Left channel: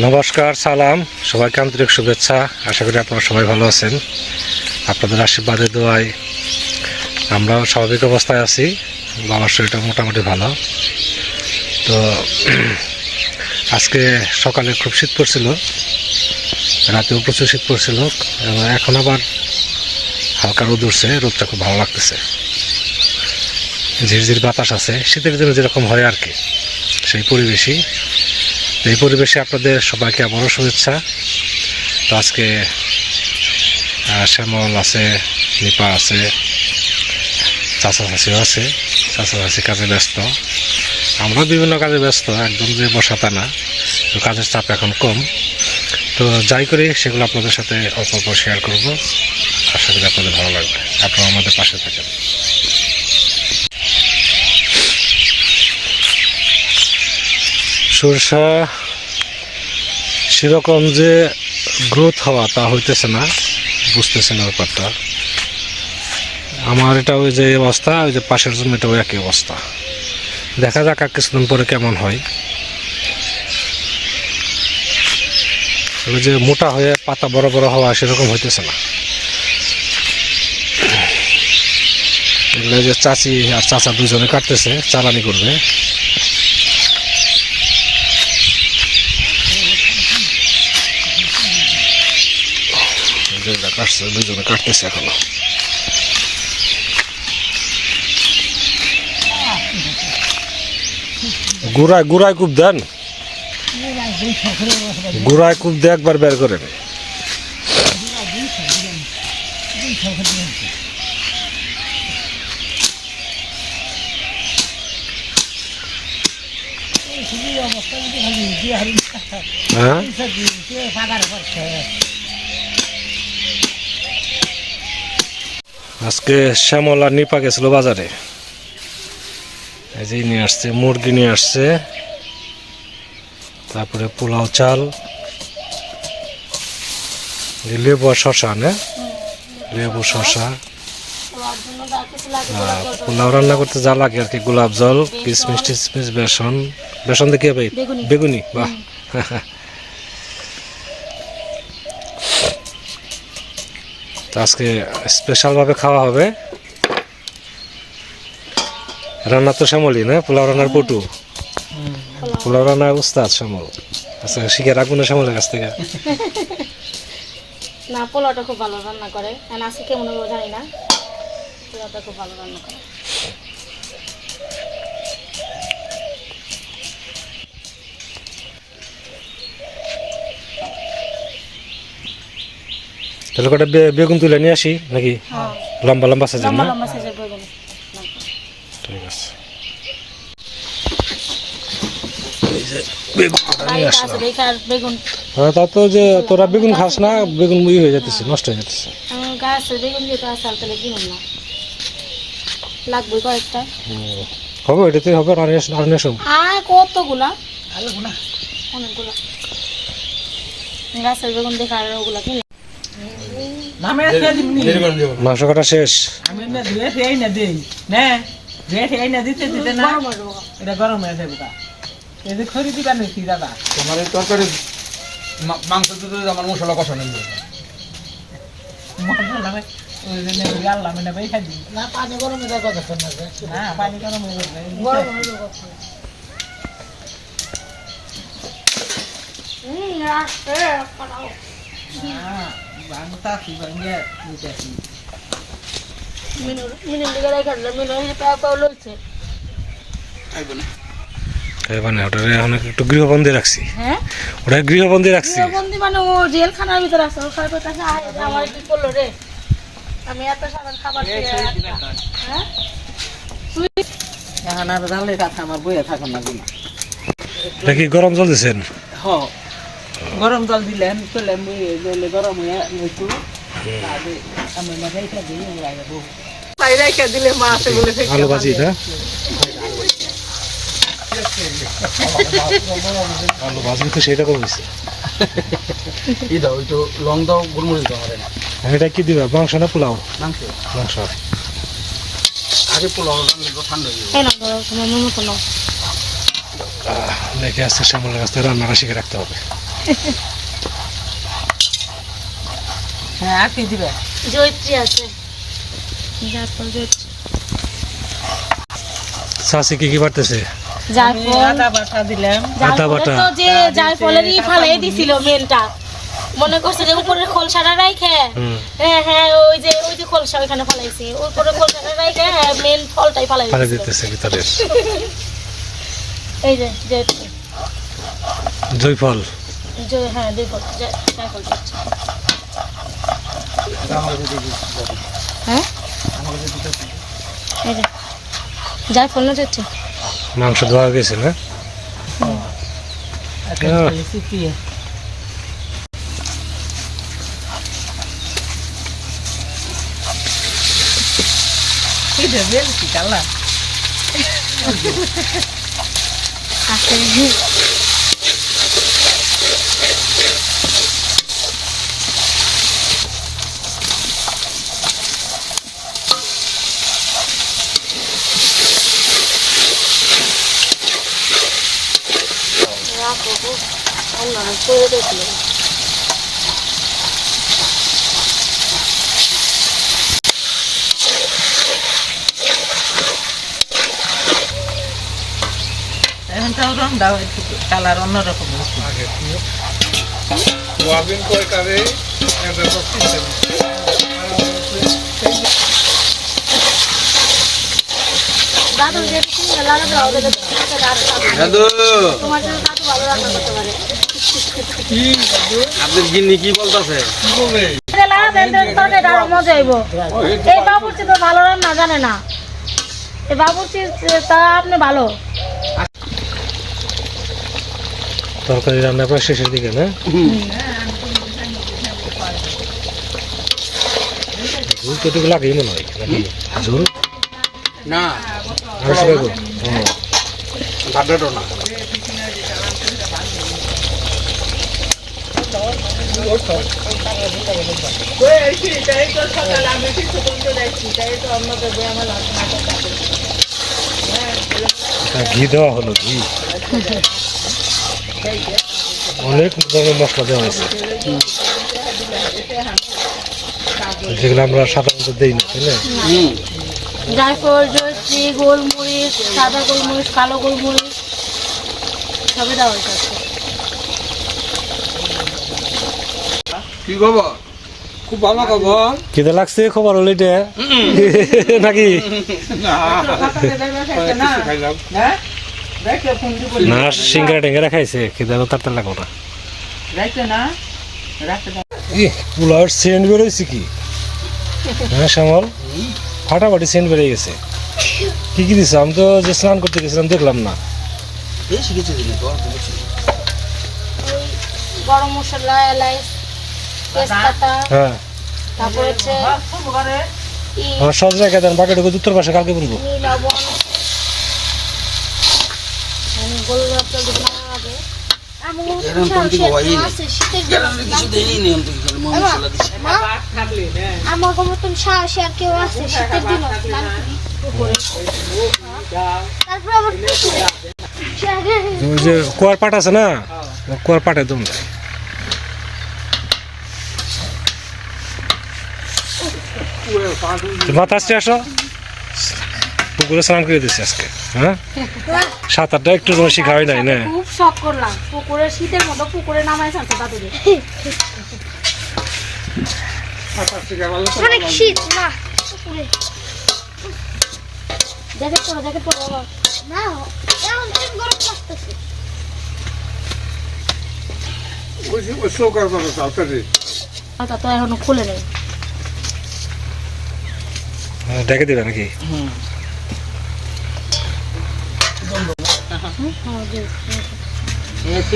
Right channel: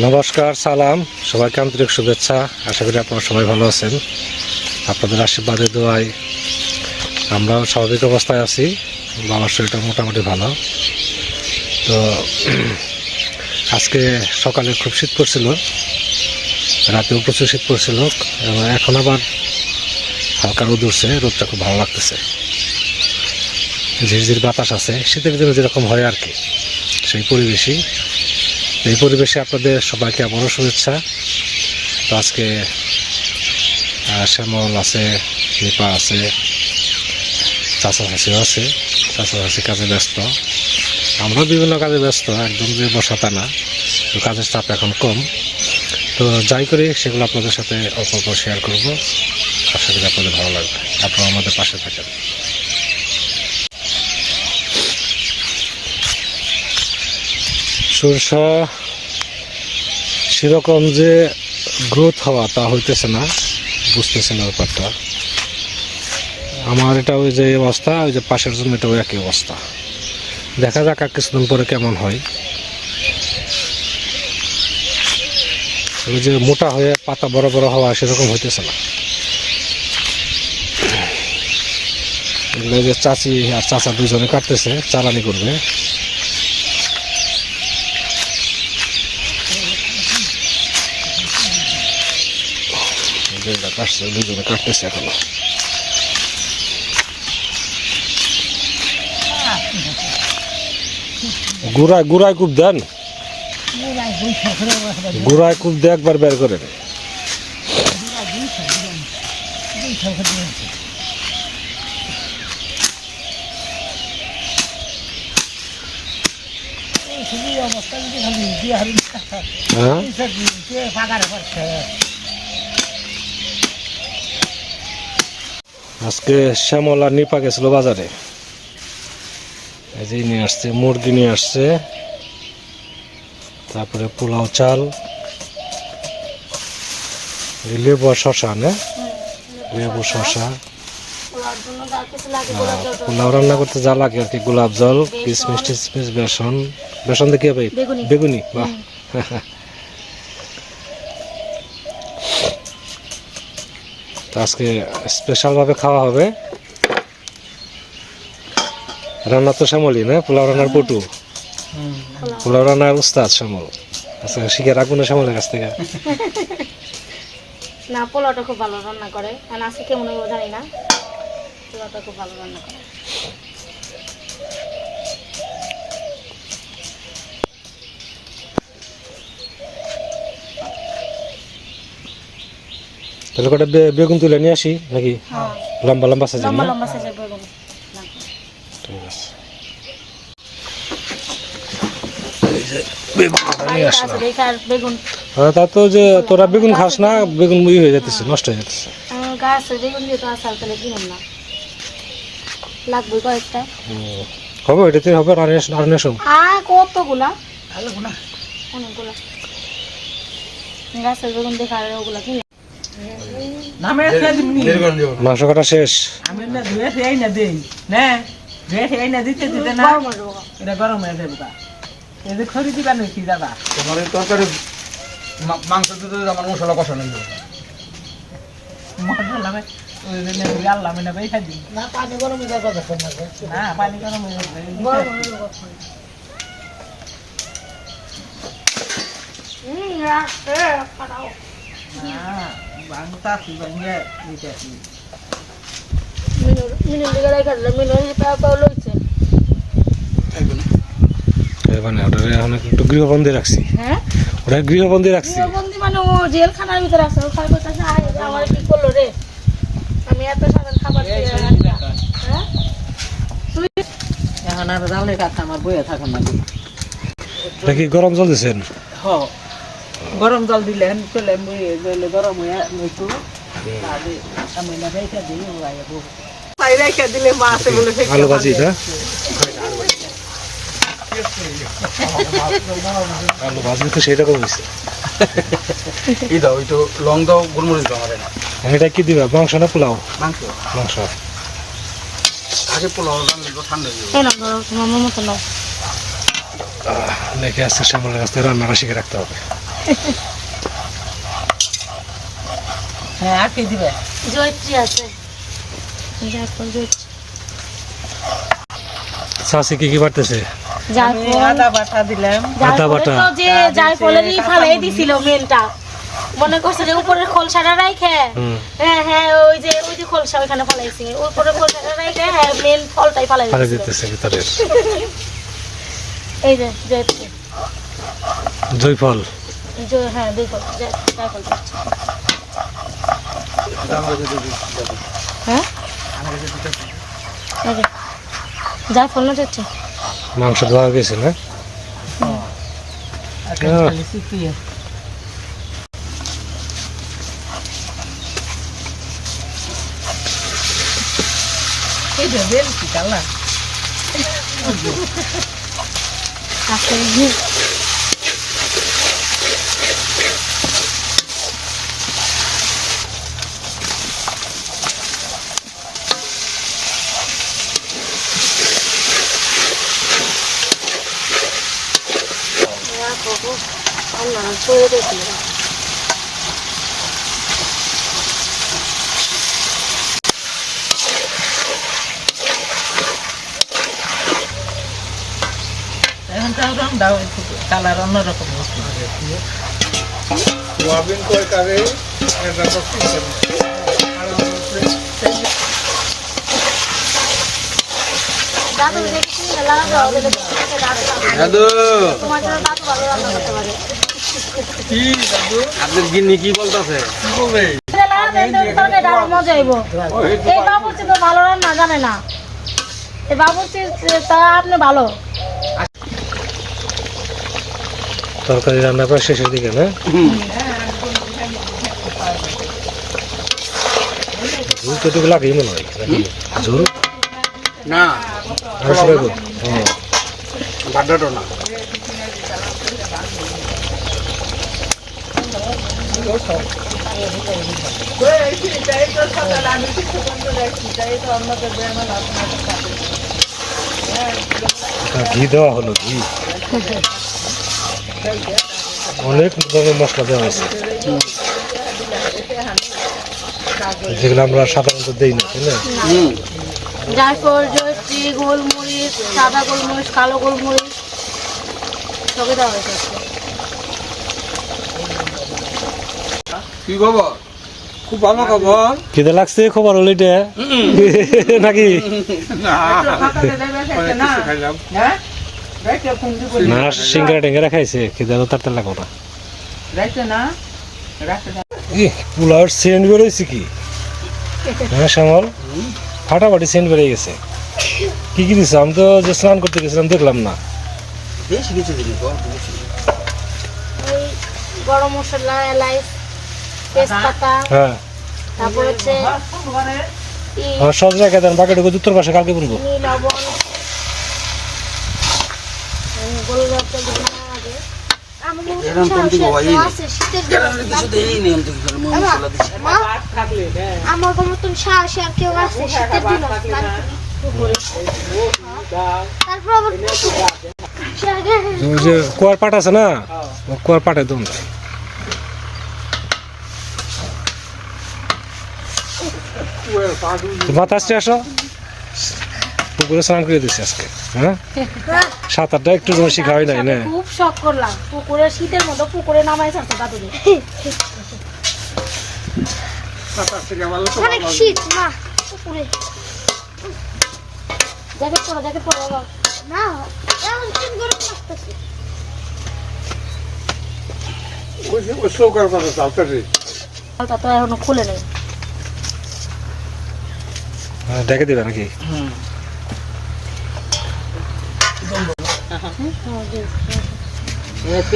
নমস্কার, সালাম, সবাইকে আন্তরিক শুভেচ্ছা। আশা করি আপনারা সবাই ভালো আছেন। আপনাদের আশীর্বাদে, দোয়ায় আমরাও স্বাভাবিক অবস্থায় আছি। বাবার শরীরটা মোটামুটি ভালো। তো, আজকে সকালে খুব শীত পড়ছিল। রাতেও প্রচুর শীত পড়ছিল এখন আবার হালকা রোদ উঠছে, রোদটা খুব ভালো লাগতেছে। ঝিরঝির বাতাস আছে, শীতের দিনে যেরকম হয় আর কি, সেই পরিবেশই। এই পরিবেশে আপনাদের সবাইকে আবারও শুভেচ্ছা। তো আজকে শ্যামল আছে, নিপা আছে, চাচা চাচিও আছে, চাচা চাচি কাজে ব্যস্ত। আমরাও বিভিন্ন কাজে ব্যস্ত, একদম যে বসা তা না। কাজের চাপ এখন কম। তো যাই করি, সেগুলো আপনাদের সাথে অল্প অল্প শেয়ার করব। আশা করি আপনাদের ভালো লাগবে। আপনারা আমাদের পাশে থাকেন। সরষা সেরকম যে গ্রোথ হওয়া তা হইতেছে না বুঝতেছে না ব্যাপারটা। আমার এটা ওই যে অবস্থা, ওই যে পাশের জমিটাও একই অবস্থা। দেখা যাক কিছুদিন পরে কেমন হয়। ওই যে মোটা হয়ে পাতা বড় বড় হওয়া সেরকম হইতেছে না। এগুলো যে চাচি আর চাচা দুজনে কাটতেছে, চালানি করবে। কাটছে দুজনে কাটতেছে এখনও। গুড়ায় গুড়ায় কূপ দেন। গুড়ায় কূপ দিয়ে একবার বের করেন হ্যাঁ? আজকে শ্যামল আর নিপা গেছিল বাজারে। এই যে নিয়ে আসছে, মুরগি নিয়ে আসছে। তারপরে পোলাও চাল লেবু আর শশা না? লেবু শশা পোলাও রান্না করতে যা লাগে আর কি গোলাপ জল কিশমিশ টিশমিশ বেসন। বেসন দিয়ে কি হবে? বেগুনি। বাহ। আজকে স্পেশালভাবে খাওয়া হবে। রান্না তো শ্যামলই না? পোলাও রান্নার পটু। পোলাও রান্নার উস্তাদ শ্যামল আচ্ছা শিখে রাখব না শ্যামলের কাছ থেকে? না পোলাওটা খুব ভালো রান্না করে। আর আজকে কেমন হবে জানি না। পোলাওটা খুব ভালো রান্না করে। তাহলে কটা বেগুন তুলে নিয়ে আসি নাকি? লম্বা লম্বা সাজেন না লম্বা সাইজের বেগুন ঠিক আছে এই যে বেগুন কটা নিয়ে আসলাম। হ্যাঁ তা তো যে তোরা বেগুন খাস না বেগুন মুই হয়ে যেতেছে নষ্ট হয়ে যেতেছে লাগবে কয়েকটা। হবে এটাতে হবে আর আনিস আর কতগুলা? অনেকগুলা। গাছের বেগুন দেখা আর ওগুলা কিনলাম মাংস কাটা শেষ। আমি না দিতে দিতে না। এটা গরম হয়ে যাবে তা এদের খড়ি দিবা নাকি দাদা। তোমার এই তরকারি মাংস দিতে আমার মশলা কষানো দিতে মশলা লাগে ওই জন্য জানলাম না বেই খাই দিই না পানি গরম হয়ে যাবে না পানি গরম যাবে। না মিনুর মিনুর দিকে মিনুর লইছে। এই মানে ওটা এখন একটু গৃহবন্দী রাখছি। হ্যাঁ? ওটা গৃহবন্দী রাখছি। বন্দি মানে ও জেলখানার ভিতরে আছে ও খাবার কাছে আয় আমার কি করল রে? আমি এত সাধারণ খাবার হ্যাঁ? তুই এখন আর জানলে কাছে আমার বইয়ে না এটা কি গরম জল দিছেন? হ। গরম জল দিলেন করলেন বইয়ে জলে গরম হয়ে একটু তাহলে আমি না রেখে দিই ওরা বহু দিলে মাছ বলে আলু ভাজি না আলু তো হয়েছে এই দাও ওই তো লং দাও গোলমরিচ দাও আমার এটা কি দিবা মাংস না পোলাও? মাংস। মাংস। আগে পোলাও রান্না তো ঠান্ডা হয়ে যাবে। না আহ, শ্যামলের রান্নাটা শিখে রাখতে হবে। হ্যাঁ আর কি দিবে? আছে। কি কি বাড়তেছে? আদা বাটা দিলাম। আদা বাটা। তো যে জায়ফলেরই ফালাই দিছিল মেনটা মনে করছে যে উপরে খোলসাটা রাইখে। হ্যাঁ হ্যাঁ ওই যে ওই যে খোলসা ওইখানে ফালাইছে। উপরে খোলসাটা রাইখে হ্যাঁ মেন ফলটাই ফালাই পানি দিতেছে ভিতরে। এই যে জয়ফল জয় হ্যাঁ জায়ফল হ্যাঁ? এই যে জায়ফল না জয়ত্রী মাংস ধোয়া গেছে না এখন আহ। খালি চিপিয়ে এই যে বেলছি কালা আচ্ছা Allah, todo tiene. এখন তাও রং দাও কালার অন্যরকম সোয়াবিন তরকারি দাদু দেখছি মেলা দাও দেখে দাদু তোমার জন্য দাদু ভালো রান্না করতে পারে আপনার গিন্নি কি বলতেছে? মেলা দেখে দারু মজা হইব এই বাবুর্চি তো ভালো রান্না জানে না। এই বাবুর্চি তা আপনি ভালো। তরকারি রান্না প্রায় শেষের দিকে না? ঝুল তো একটু লাগেই মনে হয় নাকি? ঝুল? না। আর সবাই বল। না তা ঘি দেওয়া হলো, ঘি। অনেক ধরনের মশলা দেওয়া হয়েছে। যেগুলো আমরা সাধারণত দেই না, তাই না? গোলমরিচ, সাদা গোলমরিচ, কালো গোলমরিচ, সবই দেওয়া হয়েছে। কি খবর খুব ভালো খবর খিদে লাগছে খবর হলো এটা নাকি না হ্যাঁ সিঙ্গারা টেঙ্গারা খাইছে খিদে তো তার লাগো না রাইতে না রাখতে দাও ই পোলাওর সেন্ট বেরোইছে কি হ্যাঁ শ্যামল ফাটাফাটি সেন্ট বেরিয়ে গেছে কি কি দিছে আমি তো যে স্নান করতে গেছিলাম দেখলাম না বেশি কিছু গরম মশলা এলাইচ তেজপাতা হ্যাঁ। তারপর হচ্ছে ই আমার সহজ দেন বাকিটুকু উত্তর পাশে কালকে বলব। আছে আমার মতন আর কেউ শীতের দিন। কুয়ার পাট আছে না? কুয়ার পাটে দম যায় আসতে আসো। পুকুরে স্নান করে দিছি আজকে হ্যাঁ? সাঁতারটা একটু তোমার শিখা হয় নাই না? খুব শখ করলাম। পুকুরে শীতের মতো পুকুরে নামাই চাচ্ছে বাদুরি অনেক শীত না পুকুরে। জ্যাকেট পরো জ্যাকেট পরো না এখন গরম লাগতেছে। খুলে নেই। ডেকে দিবে নাকি? এ তো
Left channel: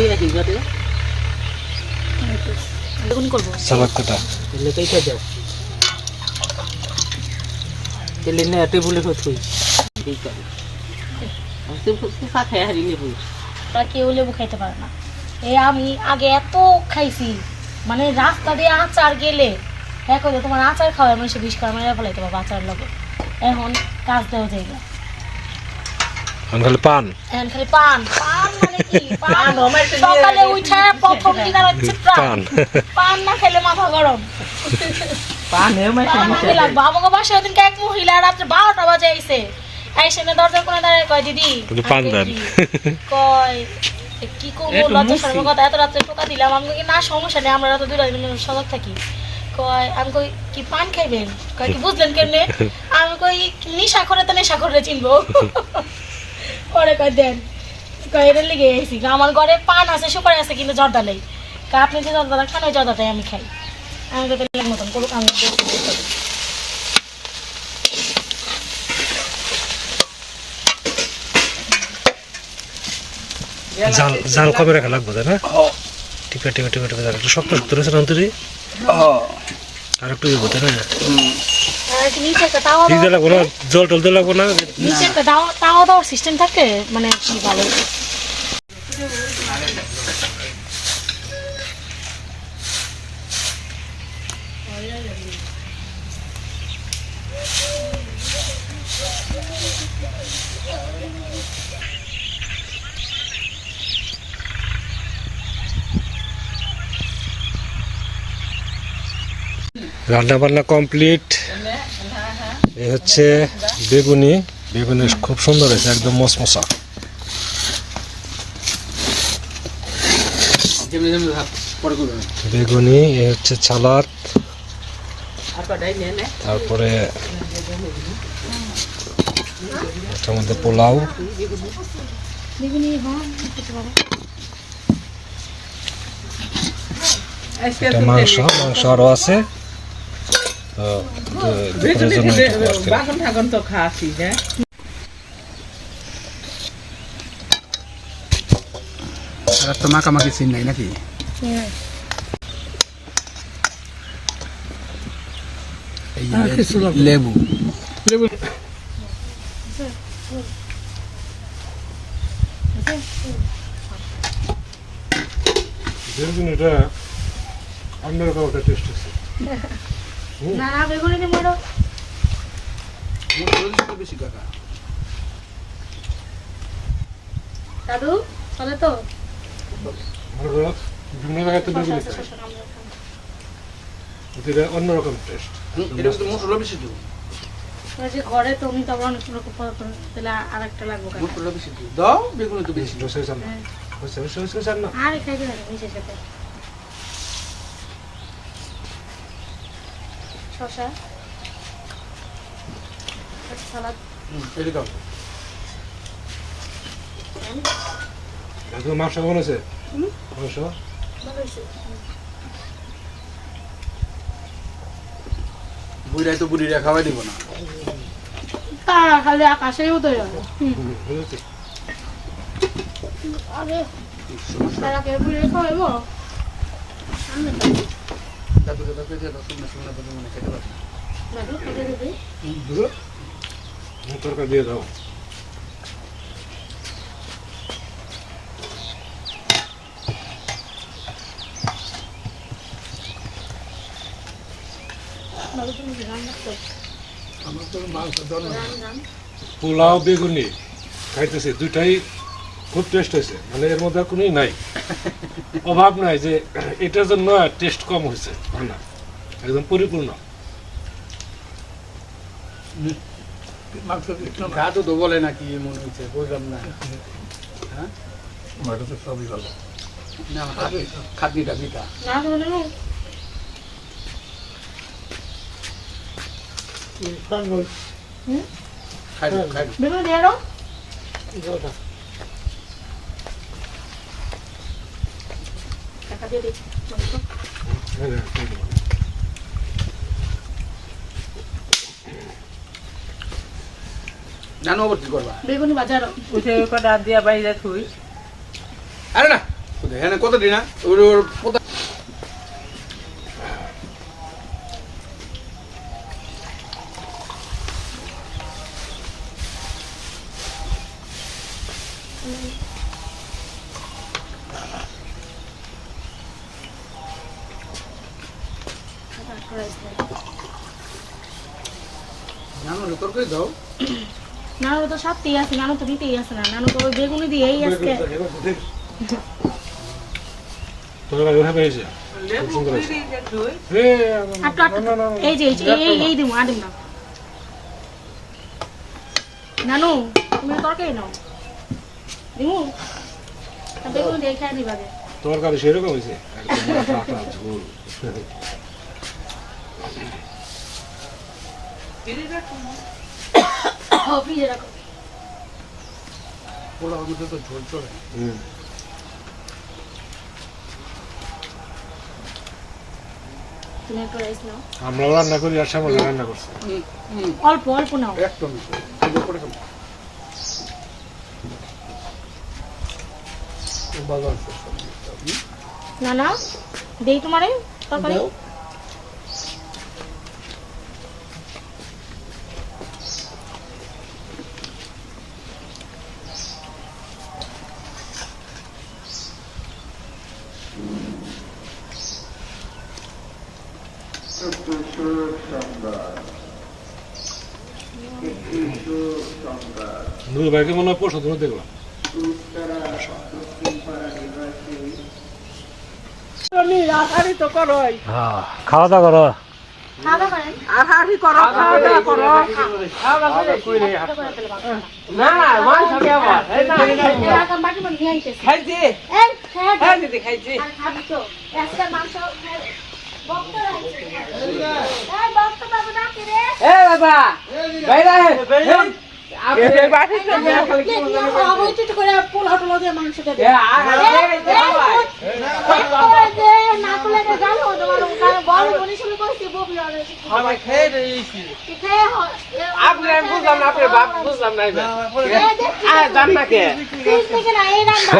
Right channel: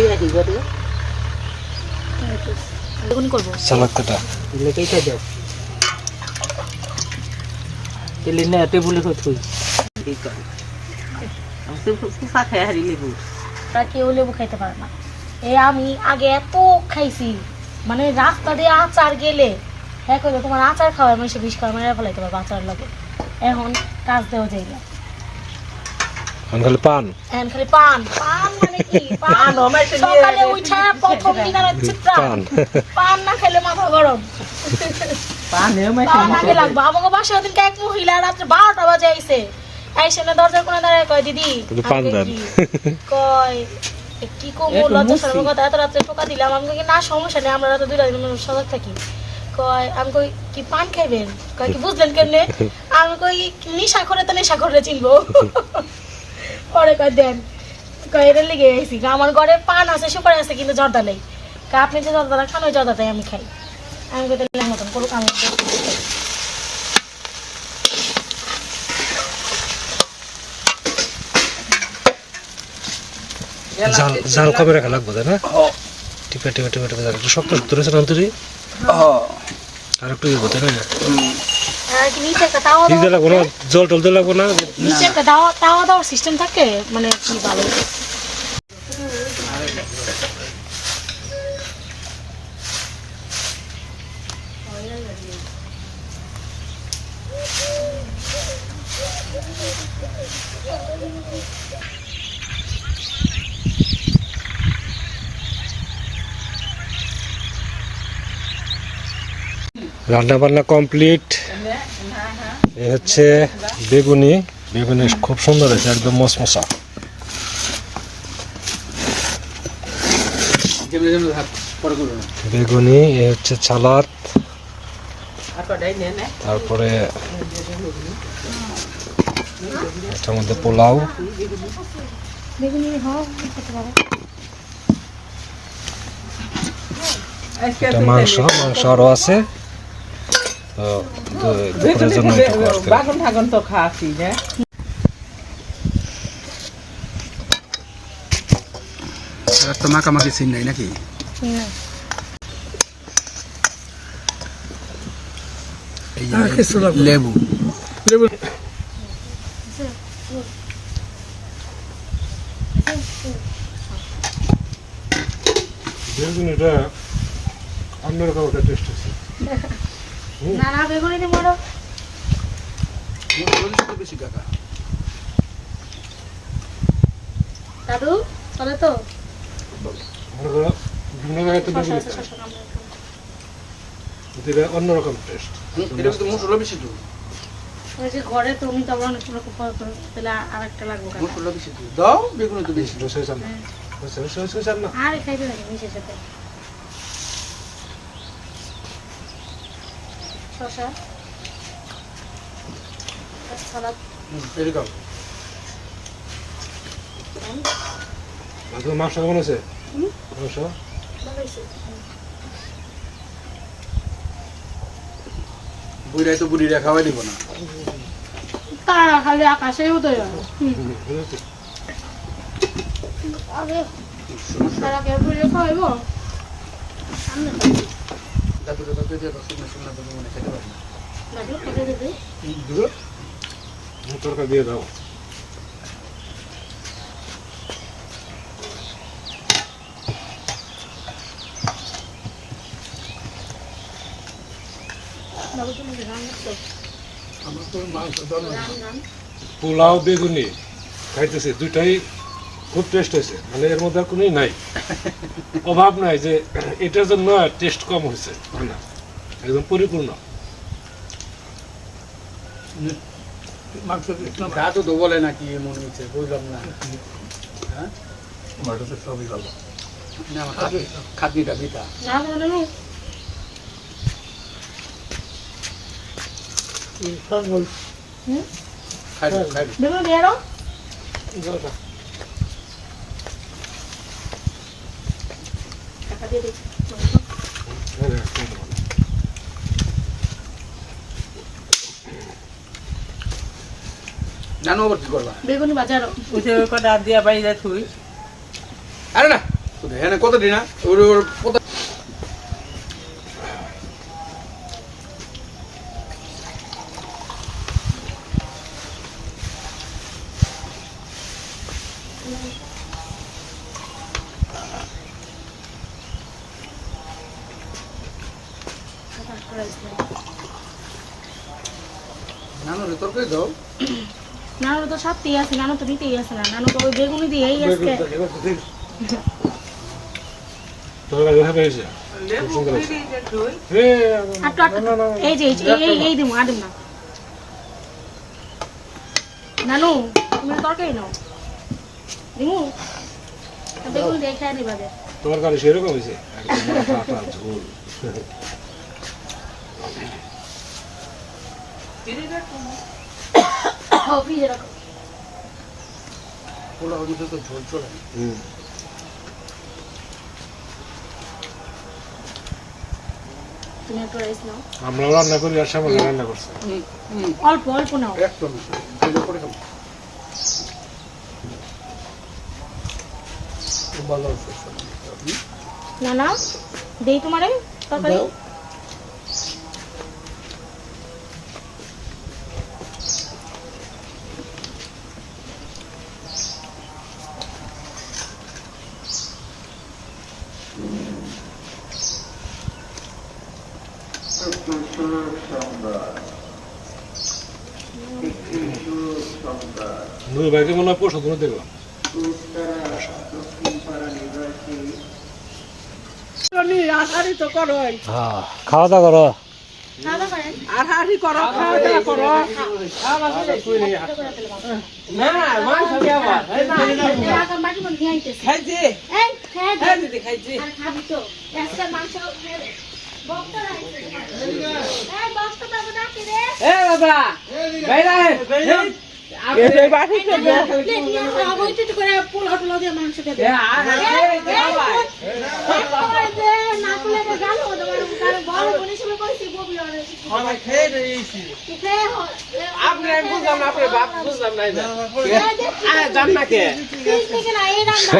খাই হারিলে বুঝ আর কেউ লেবু খাইতে পারে না। এই আমি আগে এত খাইছি মানে রাস্তা দিয়ে আচার গেলে হ্যাঁ তোমার আচার খাওয়ার মানুষে বিষ খাওয়ার মেরে ফেলাইতে পারব আচার লাগে। এখন কাজ দেওয়া যায় না। খালি পান? এখন খালি পান। পান মানে কি? পান। পান হমাইতে নিয়ে সকালে উঠে প্রথম দিনের হচ্ছে পান। পান। না খেলে মাথা গরম। পান হমাইতে লাগবে। আমাকে বাসায় ওদিনকে এক মহিলা রাত্রে বারোটা বাজে আইসে আইসে না দরজার কোণে দাঁড়ায় কয় দিদি পান দেন। কয় কি করব? লজ্জা এত রাত্রে টোকা দিলাম। আমি কই, না সমস্যা নেই আমরা রাতে দুইটা দিন সজাগ থাকি। কয় আমি কই কি পান খাইবেন কয় কি বুঝলেন কেমনে আমি কই নিশা করে তো নেশা করে চিনবো পরে কয় দেন কয় এর লিগে আইসি আমার ঘরে পান আছে সুপারি আছে কিন্তু জর্দা নেই আপনি যে জর্দাটা খান ওই জর্দাটাই আমি খাই আমি কই তাহলে মতন করুক আমি জাল জাল রাখা লাগবে তাই না টিপে টিপে টিপে টিপে একটু শক্ত শক্ত রয়েছে না আর একটু ইয়ে হতে না? জল টল দিতে লাগবো না? তাও সিস্টেম থাকে মানে কি ভালো রান্না বান্না কমপ্লিট। এ হচ্ছে বেগুনি। বেগুনি খুব সুন্দর হয়েছে, একদম মশমশা। বেগুনি, এ হচ্ছে নে তারপরে এটার মধ্যে পোলাও। এটা মাংস মাংস আরও আছে। তো দু- দুপুরের জন্য। ঠাগন তো এরা তো মাখামাখি সিন নাই নাকি? লেবু। লেবু। বেগুনিটা অন্যরকম একটা টেস্ট আছে না বেগুনি মারো বেশি কাকা দাদু তো। অন্যরকম টেস্ট এটা কিন্তু মশলা বেশি তো ওই যে ঘরে তো অনেক রকম পর করে, তাহলে আর একটা লাগবে। মশলা বেশি তো দাও বেগুন তো বেশি না আর খাই দিবেন নিজের সাথে শসা। সালাদ। মাংস কেমন আছে মাংস? বুড়াই তো বুড়িরা খাওয়াই দিব না। তারা খালি আকাশে উদয় যাবে আরে সমস্যা? তারা কে খাওয়াইব? সামনে দাদুকে দাদু দিয়ে দাও শুকনো শুকনো দাদু মনে খেতে পারে না তরকারি দিয়ে দাও পোলাও, বেগুনি। খাইতেছে। দুটাই খুব টেস্ট হয়েছে। মানে এর মধ্যে আর কোনোই নাই। অভাব নাই যে এটার জন্য টেস্ট কম হয়েছে। না। একদম পরিপূর্ণ। দাদু তো বলে নাকি মনে হচ্ছে বুঝলাম না। হ্যাঁ? সবই ভালো। না বিটা না খাই খাই দাও। দিয়ে আরও দিচ্ছি। জানো আবার কি করবা? বেগুনি বাজারও। উঠে কটা দিয়া বাইরে থুই। আরে না হ্যাঁ কত দিনা ওর পোতা নানু রে তরকারি দাও তো আছে নানু তো দিতেই আছে না। নানু তো ওই বেগুনি দিয়েই আজকে। এই যে এই এই দিমু আডুম না। নানু তুমি তরকারি নাও। দিমু? বেগুনি দিয়ে খেয়ে নিবা গে তোমার সেরকম হয়েছে? ফ্রিজে রাখো। পোলাও মধ্যে তো ঝোল চলে হুম। রান্না করি আর রান্না করছি। অল্প নাও। করে খাব। ভালো না না দেই তোমারে তরকারি? তুমি দেখলাম। আহারি তো করই হ্যাঁ খাওয়া দাওয়া করো। হ্যাঁ দিদি খাইছি। আর খাবি তো। আজকে মাংস বক্ত রাখছি। এই বক্ত বাবু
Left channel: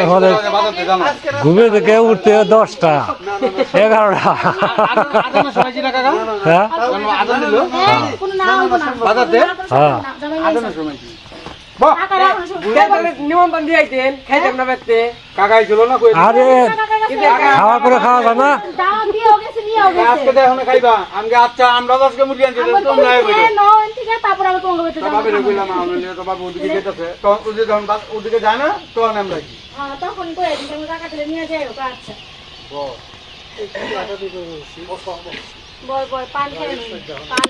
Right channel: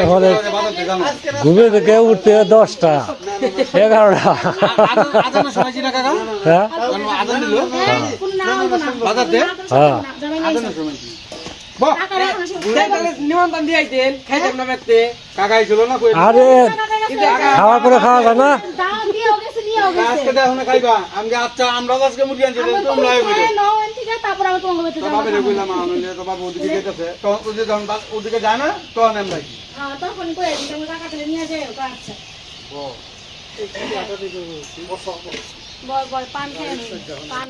হয় ঘুমে থেকে উঠতে দশটা এগারোটা হ্যাঁ? হ্যাঁ। আরে টাকা গেছে। খাওয়ার পরে খাওয়া যায় না। আজকে দেখো না খাইবা। আমি আচ্ছা আমরা আজকে মুরগি আনছি তোমরা তারপরে আমরা তোমাকে বাড়িতে তো বাবা রে কইলাম আমরা নিয়ে তো বাবা ওদিকে যেতেছে তো ওদিকে যখন ওদিকে যায় না তখন আমরা কি হ্যাঁ, তখনই কই আছি, কাকা তুলে নিয়ে যাও, আচ্ছা। বল, বল, পান খেয়ে পান।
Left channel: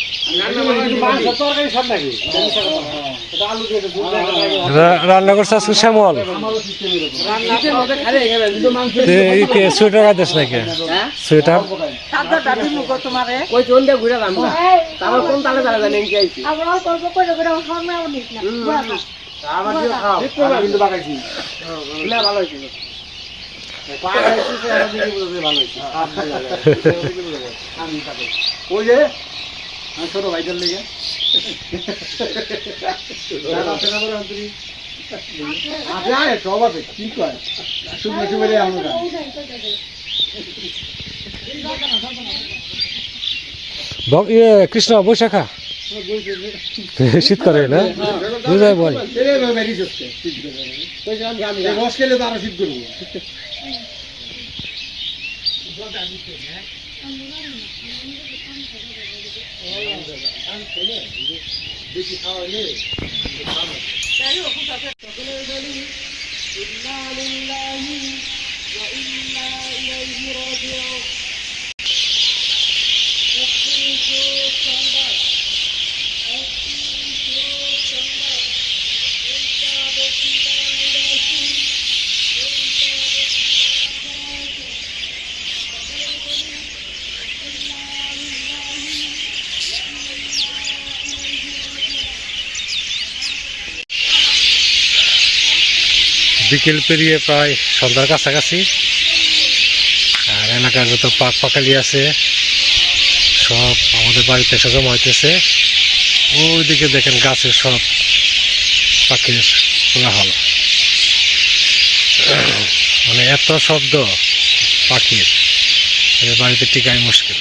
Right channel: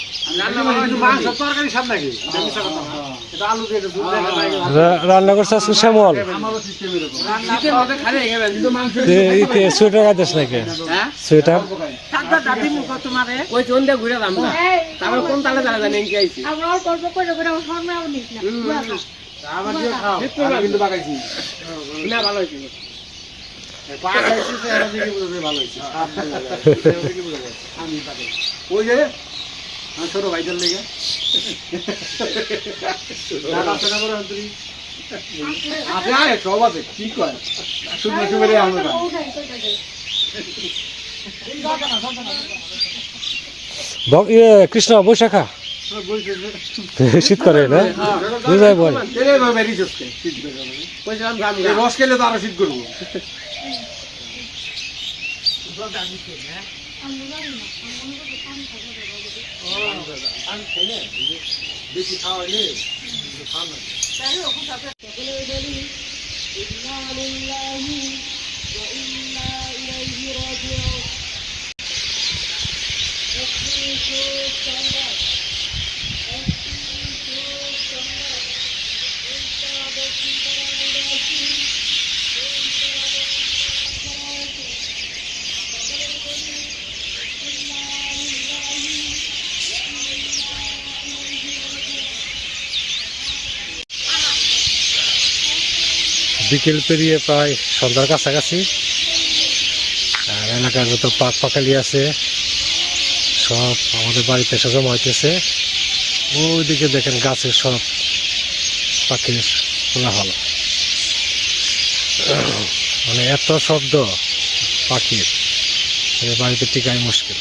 রান্না করছে আজকে শ্যামল। সোয়েটার গাইতেছ নাকি? সোয়েটার? ওই চন্দে ঘুরে দাম না। এই, তারপর কোন তালে তালে জানেন কি আইছি। আমরা অল্প অল্প করে করে আমার সামনেও নিস না। বুয়া খা। আমার দিয়ে খাও আমি কিন্তু বাগাইছি না ভালো হয়েছিল পা খাইছি সে আমার দিকে বুঝতে ভালো হয়েছে আমি বাগাই ওই যে আমার ছোট ভাইটার লেগে। আছে আয় সব আছে কি কয়? শুকনো শুকনো আমরা ইয়ে কৃষ্ণ বৈশাখা শীত করে না? ভাই বল কেলে ভাই বেরিয়ে যাচ্ছে শীত করে কইছিলাম জানি এই রস খেলে তো আরও বিকেল পেরিয়ে প্রায় সন্ধ্যার কাছাকাছি। আর এলাকার যত পাক পাকালি আছে, সব আমাদের বাড়িতে এসে জমা হইতেছে। ওইদিকে দেখেন গাছের সব পাখির কোলাহল মানে এত শব্দ পাখির বাড়িতে টিকাই মুশকিল।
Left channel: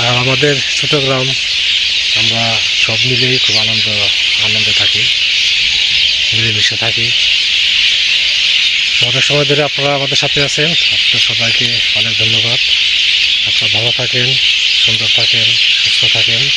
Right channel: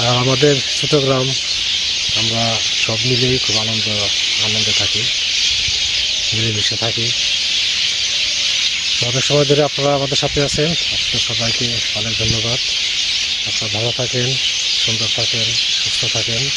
আর আমাদের ছোট গ্রাম, আমরা সব মিলেই খুব আনন্দ, আনন্দে থাকি। মিলেমিশে থাকি। অনেক সময় ধরে আপনারা আমাদের সাথে আছেন। আপনার সবাইকে অনেক ধন্যবাদ। আপনারা ভালো থাকেন, সুন্দর থাকেন, সুস্থ থাকেন।